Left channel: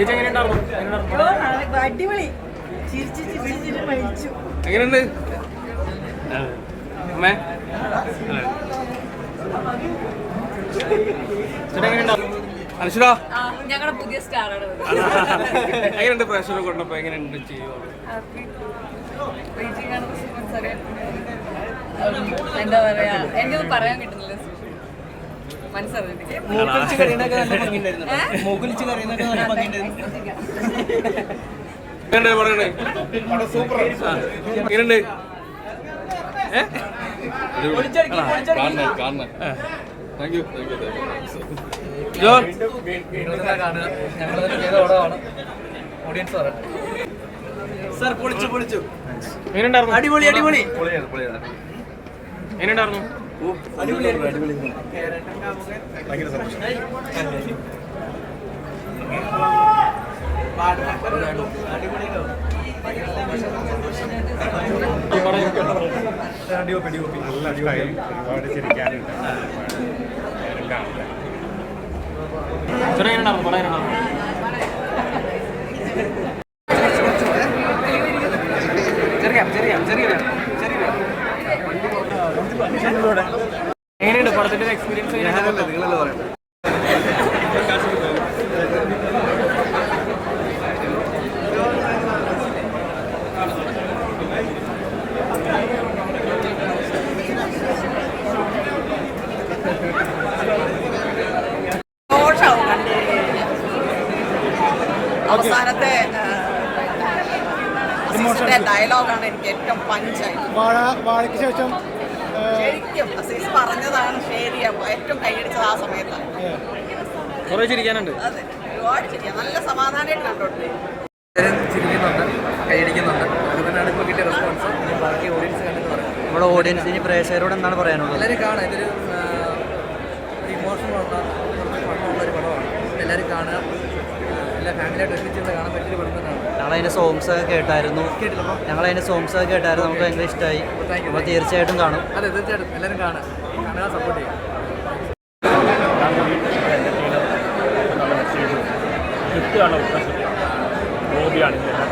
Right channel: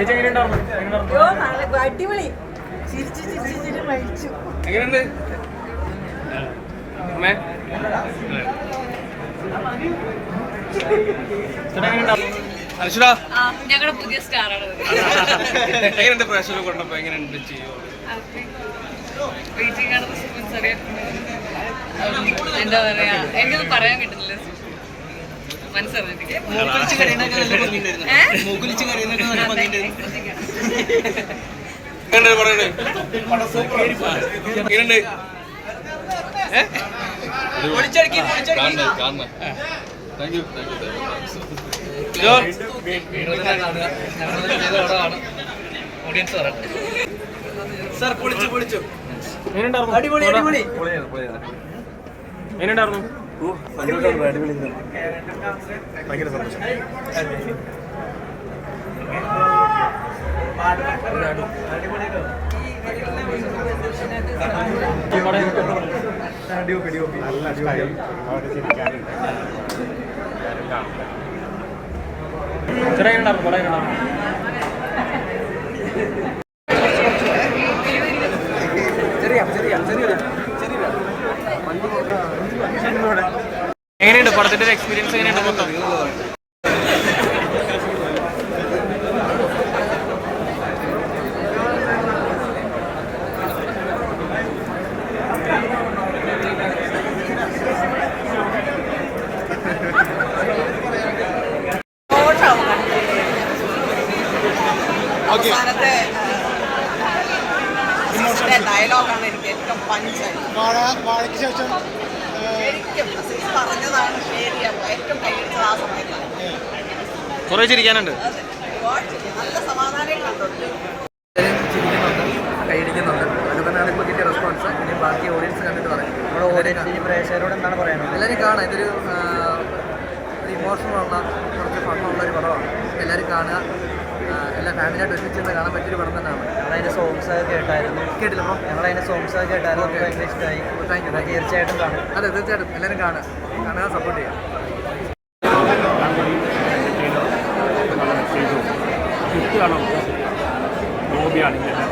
ചേച്ചി നല്ല അടിപൊളി. ചിരിച്ച് ചിരിച്ച് മരിച്ചു. ഞങ്ങളുടെ പുതിയ സ്റ്റാറാണ് എങ്ങനെയുണ്ട് പ്രേക്ഷകർ കൊണ്ടപ്പോ? എങ്ങനെയുണ്ട് എന്താ പറയാ എനിക്കൊന്നും പറയാൻ കിട്ടുന്നില്ല മനസ്സറിഞ്ഞിട്ട് അടിപൊളി ഓഡിയൻസ് പറയട്ടെ സാർ പൊളിച്ചു പൊളിച്ചു. എങ്ങനെയുണ്ടായിരുന്നു അടിപൊളി അടിപൊളി. എങ്ങനെയുണ്ടായിരുന്നു നല്ല സ്റ്റൈൽ ഒരുപാട് ചിരിക്കാനുണ്ട് ചേട്ടാ എങ്ങനെയുണ്ടായിരുന്നു പടം എങ്ങനെയുണ്ട് പടത്തിന്റെ ഒരു എക്സ്പീരിയൻസ് എങ്ങനെയുണ്ട് അവസാനത്തെ ഡയലോഗാണ് എനിക്ക് ഏറ്റവും പഞ്ച് വാഴയ്ക്ക് ശേഷം ശരിക്കും അസീസ് പറഞ്ഞതാണ് ശരി അപ്പൊ ഏറ്റവും കൈയടിച്ചത് ആ സമയത്താണ് കുറെ ചിരിക്കാനുണ്ട്. ഒരുപാട് നല്ല സമാധാനം കണ്ടോട്ട് ചിരിക്കുന്നുണ്ട് കൈയടിക്കുന്നുണ്ട്. അതൊക്കെ തന്നെയാണ് ഇപ്പോൾ കിട്ടിയ റെസ്പോൺസ് ഇനി ബാക്കി ഓഡിയൻസ് കണ്ടിട്ട് പറയും. നമ്മുടെ പ്രേക്ഷകരോട് എന്താണ് പറയാനുള്ളത്? എല്ലാവരും കാണാം. ഇതൊരു ഇമോഷണൽ ഉള്ള ഇമോഷണലുള്ള കുറച്ച് ഫണ്ണുള്ള ഒരു പടമാണ്. എല്ലാവരും കാണുക. എല്ലാ ഫാമിലിയായിട്ട് ഒരുമിച്ച് കാണാൻ പറ്റിയൊരു പടം തന്നെയാണ്. ഞങ്ങളതിന്റെ സോങ്സ് ഒക്കെ കേട്ടായിരുന്നു. കേട്ടില്ല അപ്പോൾ ഞങ്ങളതിന്റെ സോങ്സ് ഒക്കെ കേട്ടായിരുന്നു. നമുക്ക് ഭയങ്കര ഇഷ്ടമായി താങ്ക് യു തീർച്ചയായിട്ടും കാണും. അതെ തീർച്ചയായിട്ടും. എല്ലാവരും കാണുക. കാണുക സപ്പോർട്ട് ചെയ്യുക. ഗോപിയാണെങ്കിൽ എല്ലാം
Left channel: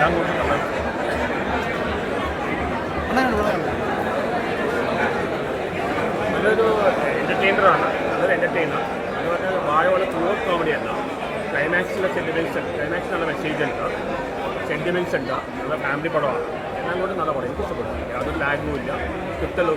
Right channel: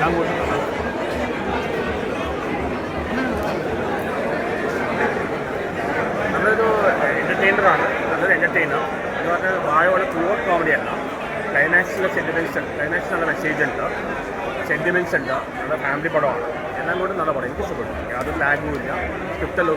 ഞാൻ നമ്മളൊരു എന്റർടൈനറാണ് നല്ലൊരു എന്റർടൈനർ എന്ന് പറഞ്ഞാൽ വാഴ പോലെ ത്രൂഔട്ട് കോമഡി അല്ല. ക്ലൈമാക്സിലെ സെന്റിമെന്റ്സ് ക്ലൈമാക്സ് നല്ല മെസ്സേജ് ഉണ്ട്. സെന്റിമെന്റ്സ് ഉണ്ട്. നല്ല ഫാമിലി പടമാണ്. എല്ലാം കൊണ്ടും നല്ല പടം. എനിക്ക് ഇഷ്ടപ്പെട്ടു യാതൊരു ലാഗും ഇല്ല. സ്ക്രിപ്റ്റ് എല്ലാം